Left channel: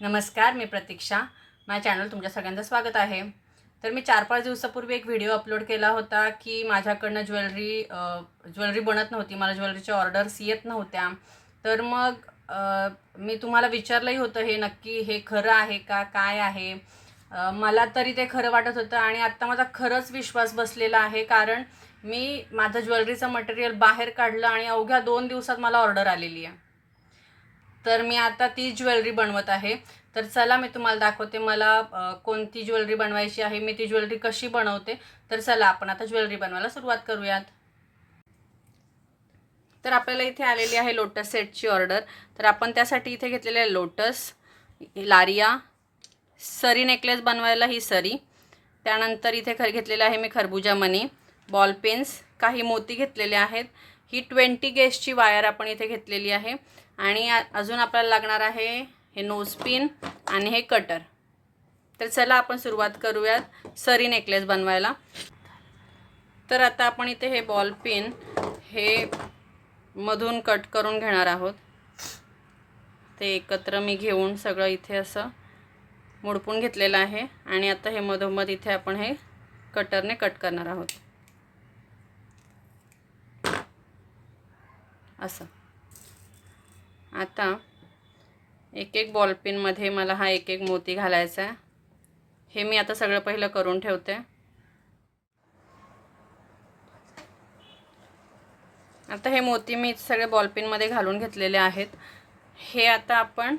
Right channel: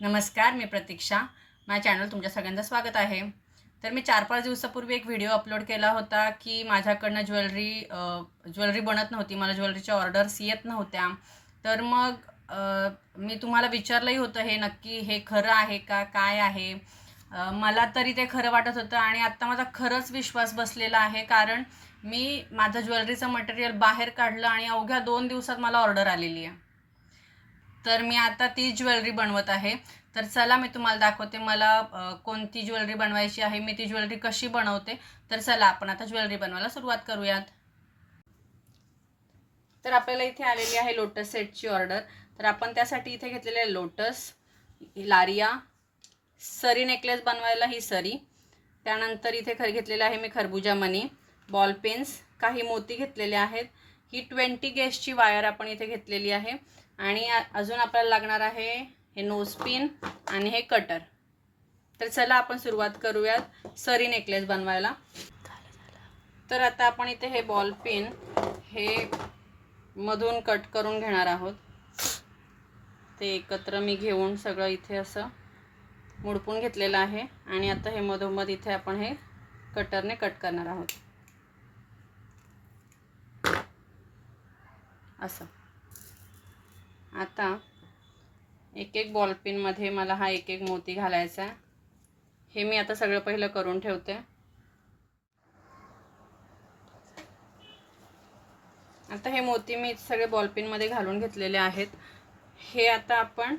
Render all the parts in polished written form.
नमस्कार, मी प्रतीक्षा. माझ्या चॅनल तुमच्या सगळ्यांचं स्वागत आहे. तर मी 4-5 दिवसापूर्वी एक व्हिडिओ अपलोड केला होता की माझ्याकडनं ज्वेलरी बनत नव्हती. मला ज्वेलरीच्या ऑर्डर्स येत नव्हत्या. तर मग मी तुम्हाला विचारलंही होतं हे नक्की हे खरं आहे का? काय आहे? मला तरी ते खरं वाटत होतं आणि आत्ता माझा खरंच विश्वास बसलेला आहे. कारण मी माझं ज्वेलरीचं मटेरियल बाहेर काढलं आणि अवघ्या 2 दिवसात मला ऑर्डर आलेली आहे. तर मी आता ती ज्वेलरी बनवत आहे. तर चला मी तुम्हाला दाखवते मला कोणती ज्वेलरी बनवायची आहे, मी ती ज्वेलरी कशी बनवते. तर चला आपण आता ज्वेलरी बनवायला सुरुवात करूयात. तर आपल्याला इथे आलेली आहे लोटस सेटची ऑर्डर. तर आपण त्यासाठी इथे घेतलेले आहे लोटस, लारिया, सरी नेकलेस बनवायला ही सरी. त्यानंतर इथे घेतलेलं आहे मी खरबुजा मनी, बॉल पेन्स, काही मोती घेतलेले आहेत. ही 20 गेजची वायर आपण इथे घेतलेली आहे. आणि अजून आपल्याला लागणार आहे हे नोज पिन आणि हे कटर. तर चला आपण सुरुवात करूयात सरी नेकलेस बनवायला. तर आता आपण इथे हे बॉल पिन हे मधून कट करून घेणार आहोत. ते एकत्र मी घेऊन सगळं इथे असं मोडपून घेतलेलं आहे आणि आता हे मधोमध इथे आपण हे कटरने कट करणार आहोत असं. आता एक एक बॉल पिनमध्ये मला हा एक एक मोती घालायचा आहे. हे मी आता सगळं पहिलं करून ठेवते. आता हे मोती मी सगळे बॉल पिनमध्ये घालून घेतलेले आहेत. हे आता आपण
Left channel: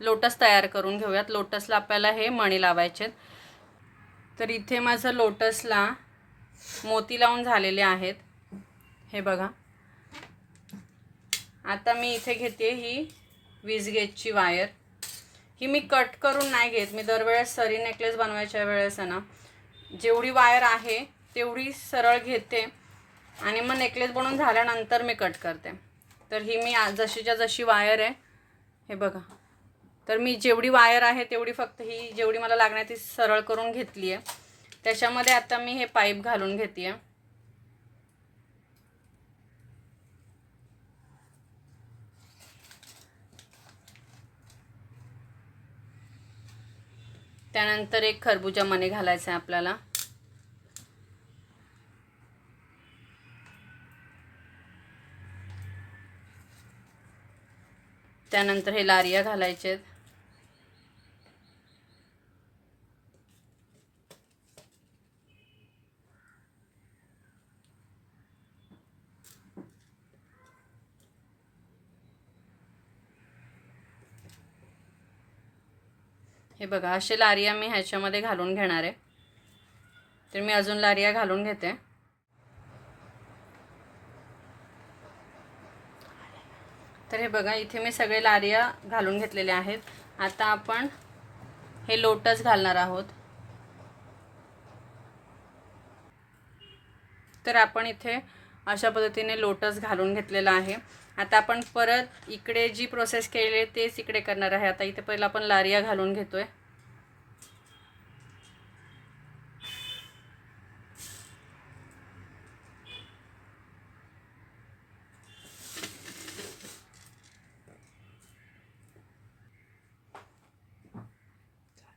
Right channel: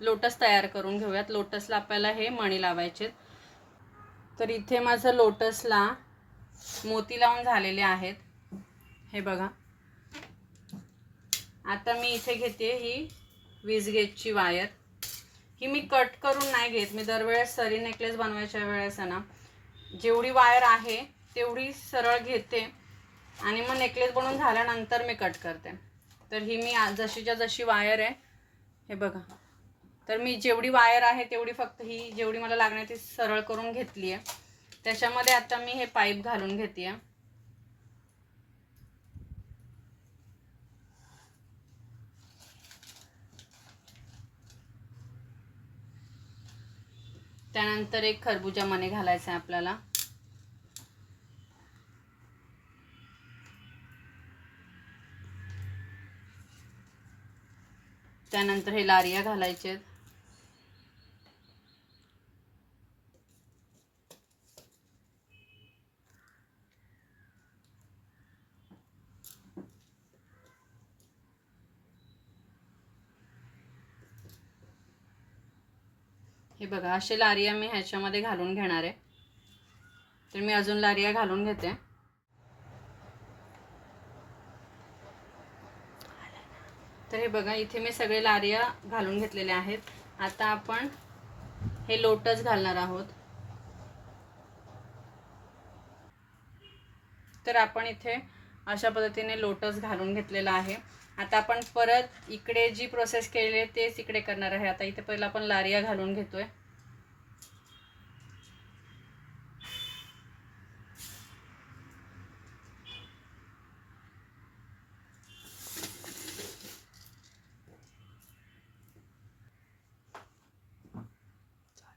लोटस तयार करून घेऊयात. लोटसला आपल्याला हे मणी लावायचे. तर इथे माझं लोटसला मोती लावून झालेले आहेत, हे बघा. आता मी इथे घेते ही 20 गेजची वायर. ही मी कट करून नाही घेत. मी दरवेळेस सरी नेकलेस बनवायच्या वेळेस आहे ना, जेवढी वायर आहे तेवढी सरळ घेते आणि मग नेकलेस बनवून झाल्यानंतर मी कट करते. तर ही मी जशीच्या जशी वायर आहे, हे बघा. तर मी जेवढी वायर आहे तेवढी फक्त ही जेवढी मला लागणार ती सरळ करून घेतली आहे. त्याच्यामध्ये आता मी हे पाईप घालून घेते आहे. त्यानंतर एक खरबुजा मणी घालायचा आहे आपल्याला. त्यानंतर हे लारिया घालायचे. हे बघा, असे लारिया मी ह्याच्यामध्ये घालून घेणार आहे. तर मी अजून लारिया घालून घेते. तर हे बघा, इथे मी सगळे लारिया घालून घेतलेले आहेत. आता आपण हे लोटस घालणार आहोत. तर आपण इथे अशा पद्धतीने लोटस घालून घेतलेला आहे. आता आपण परत इकडे जी प्रोसेस केली आहे तेच इकडे करणार आहे. आता इथे पहिला आपण लारिया घालून घेतोय.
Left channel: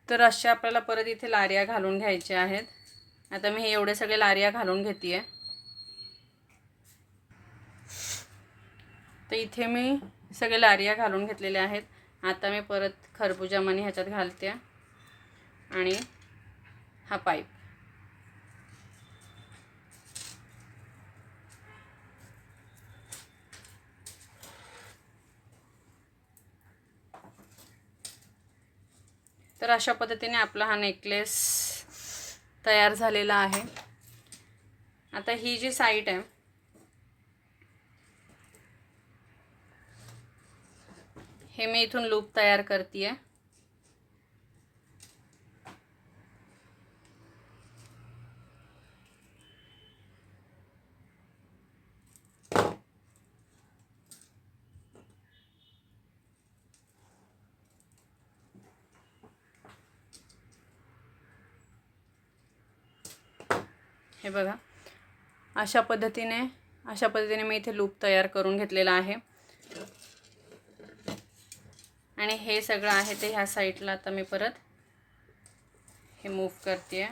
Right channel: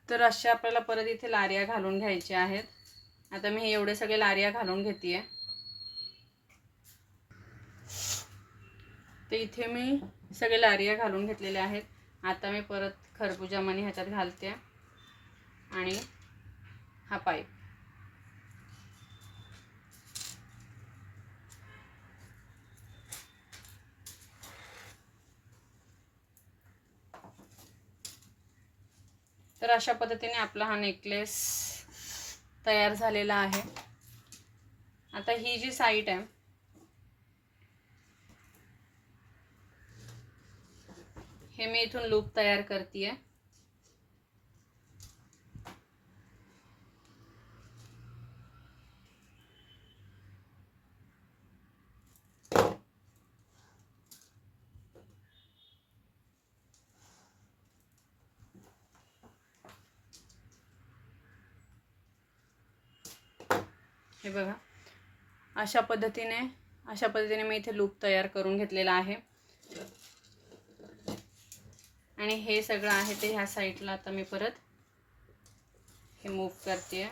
तर अशा आपल्याला परत इथे लारिया घालून घ्यायच्या आहेत. आता मी हे एवढे सगळे लारिया घालून घेते आहे. तर इथे मी सगळे लारिया घालून घेतलेले आहेत. आता मी परत खरबुजा मणी ह्याच्यात घालते आणि हा पाईप. तर अशा पद्धतीने आपला हा नेकलेस तयार झालेला आहे. आता ही जी साईड आहे हे मी इथून लूप तयार करते आहे. हे बघा, अशा पद्धतीने मी इथे लूप तयार करून घेतलेला आहे. आणि हे सगळं आहे ते ह्या साईडला आता मी परत हे मूव्ह करते.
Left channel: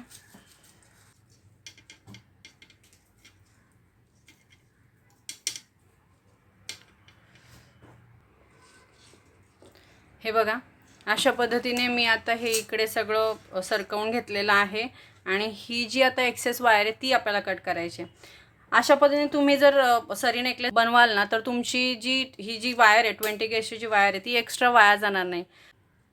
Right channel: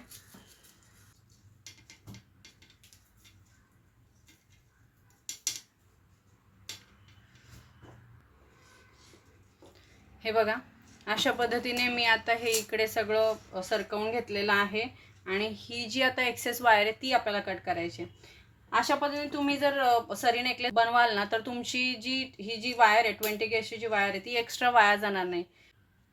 हे बघा, अशा पद्धतीने मी आता हे इकडे सगळं सरकवून घेतलेलं आहे. आणि ही जी आता एक्सेस वायर आहे ती आपल्याला कट करायची. अशा पद्धतीने तुम्ही जर सरी नेकलेस बनवाल ना, तर तुमची ही जी वायर आहे 20 गेजची जी वायर आहे ती एक्स्ट्रा वाया जाणार नाही.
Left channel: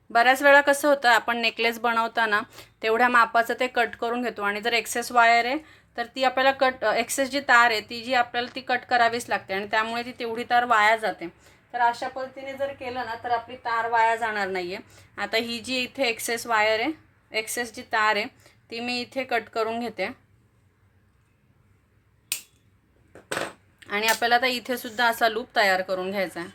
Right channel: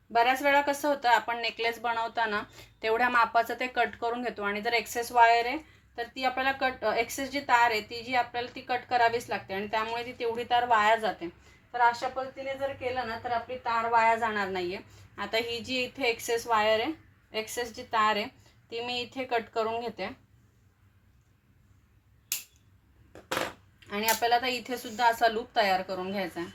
बऱ्याच वेळा कसं होतं, आपण नेकलेस बनवताना तेवढ्या मापाचं ते कट करून घेतो आणि जर एक्सेस वायर आहे तर ती आपल्याला एक्सेस जी तार आहे ती जी आपल्याला ती कट करावीच लागते आणि त्यामुळे ती तेवढी तार वाया जाते. तर अशा पद्धतीने जर केलं ना तर आपली तार वाया जाणार नाही आहे. आता ही जी इथे एक्सेस वायर आहे, एक्सेस जी तार आहे ती मी इथे कट करून घेते. आणि आपल्याला आता इथे सुद्धा असा लूप तयार करून घ्यायचा आहे.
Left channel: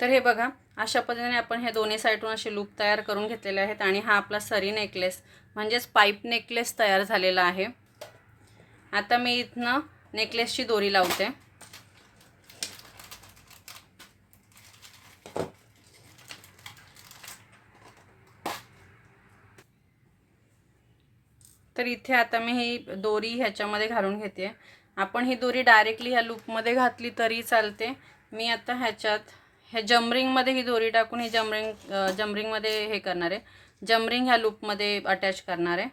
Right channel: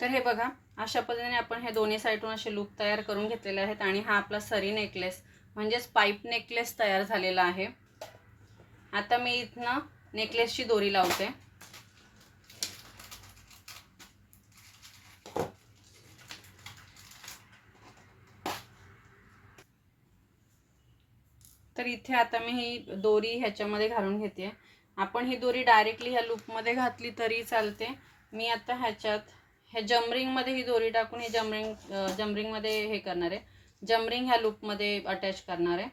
तर हे बघा, अशा पद्धतीने आपण हे दोन्ही साईडून असे लूप तयार करून घेतलेले आहेत. आणि हा आपला सरी नेकलेस म्हणजेच पाईप नेकलेस तयार झालेला आहे. आता मी इथनं नेकलेसची दोरी लावते. तर इथे आता मी ही दोरी ह्याच्यामध्ये घालून घेते. आपण ही दोरी डायरेक्टली ह्या लूपमध्ये घातली तरी चालते. मी आता ह्या जमरिंगमध्ये ही दोरी टाकून ही जमरिंगमध्ये हे करणार आहे. जमरिंग ह्या लूपमध्ये अटॅच करणार आहे.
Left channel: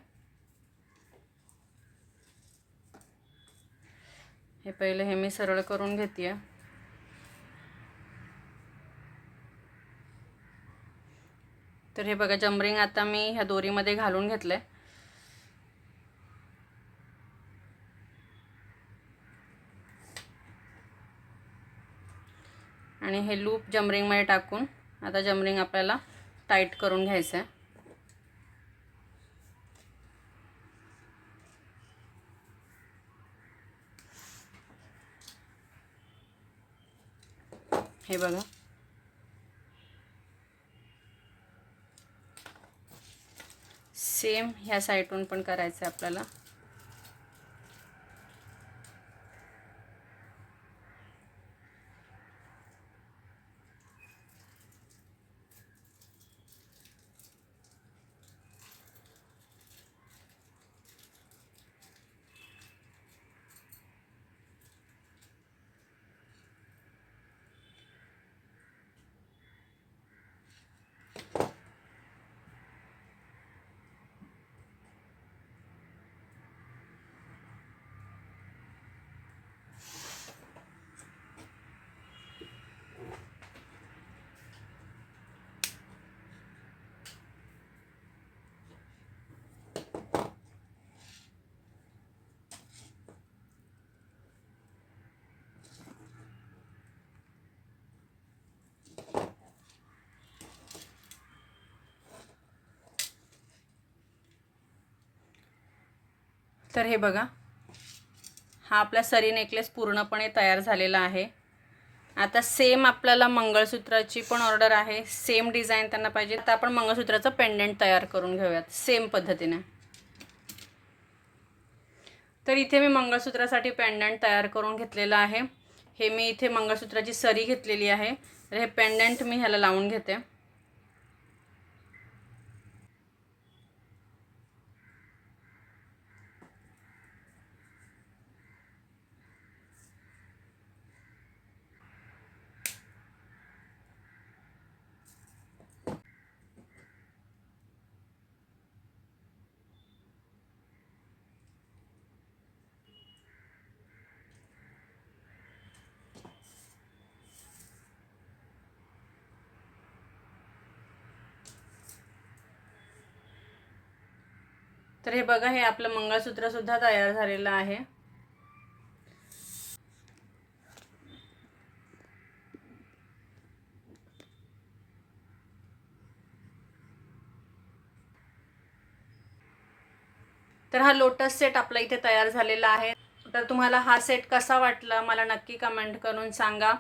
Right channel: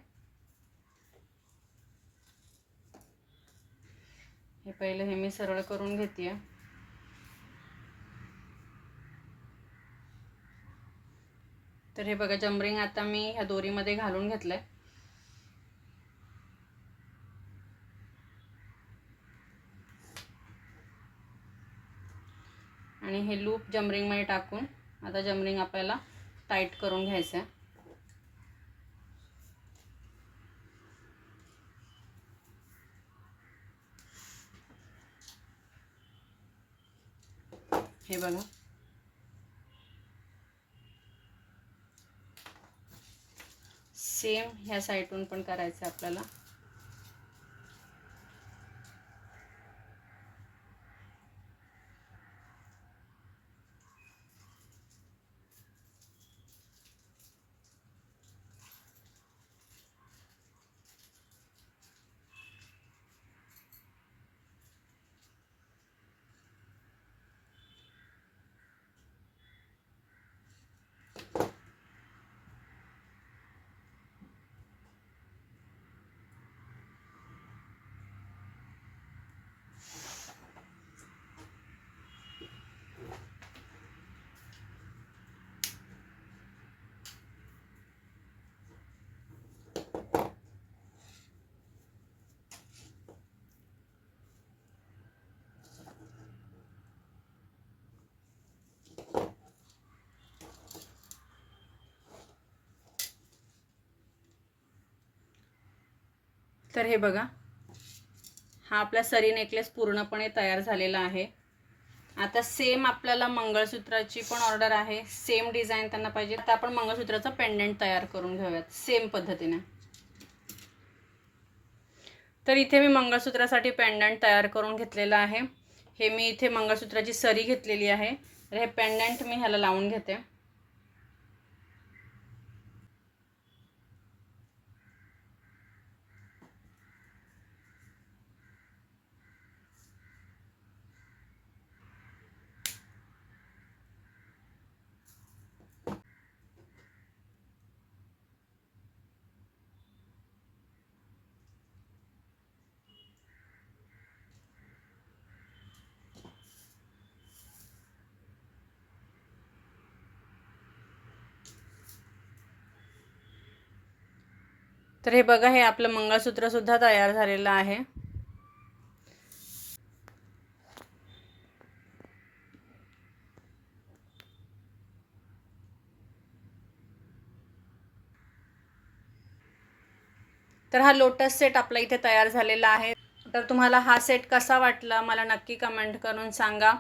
हे पहिले हे मी सरळ करून घेते. तर हे बघा, जमरिंग आता मी ह्या दोरीमध्ये घालून घेतलंय. आणि हे लूप जमरिंगमध्ये टाकून आता जमरिंग आपल्याला टाईट करून घ्यायचं आहे. हे बघा, सेम ह्या साईडून पण करायचं आहे आपल्याला. तर हे बघा, हा आपला सरी नेकलेस पूर्णपणे तयार झालेला आहे. आता सेम आपल्याला मंगळसूत्राची पण ऑर्डर आहे. सेम डिझाईन त्यांना पाहिजे. आता आपण मंगळसूत्राचं पेंडंट तयार करून घेऊयात सेम पद्धतीने. तर इथे मी मंगळसूत्रासाठी पेंडंट तयार करून घेतलेलं आहे. हे मी इथे मंगळसूत्राची सरी घेतलेली आहे. तर हे पेंडंट मी ह्याला लावून घेते. तर हे बघा, हे आपलं मंगळसूत्र सुद्धा तयार झालेलं आहे. तर हा लोटस सेट आपला इथे तयार झालेला आहे. तर तुम्हाला हा सेट कसा वाटला मला नक्की कमेंट करून सांगा.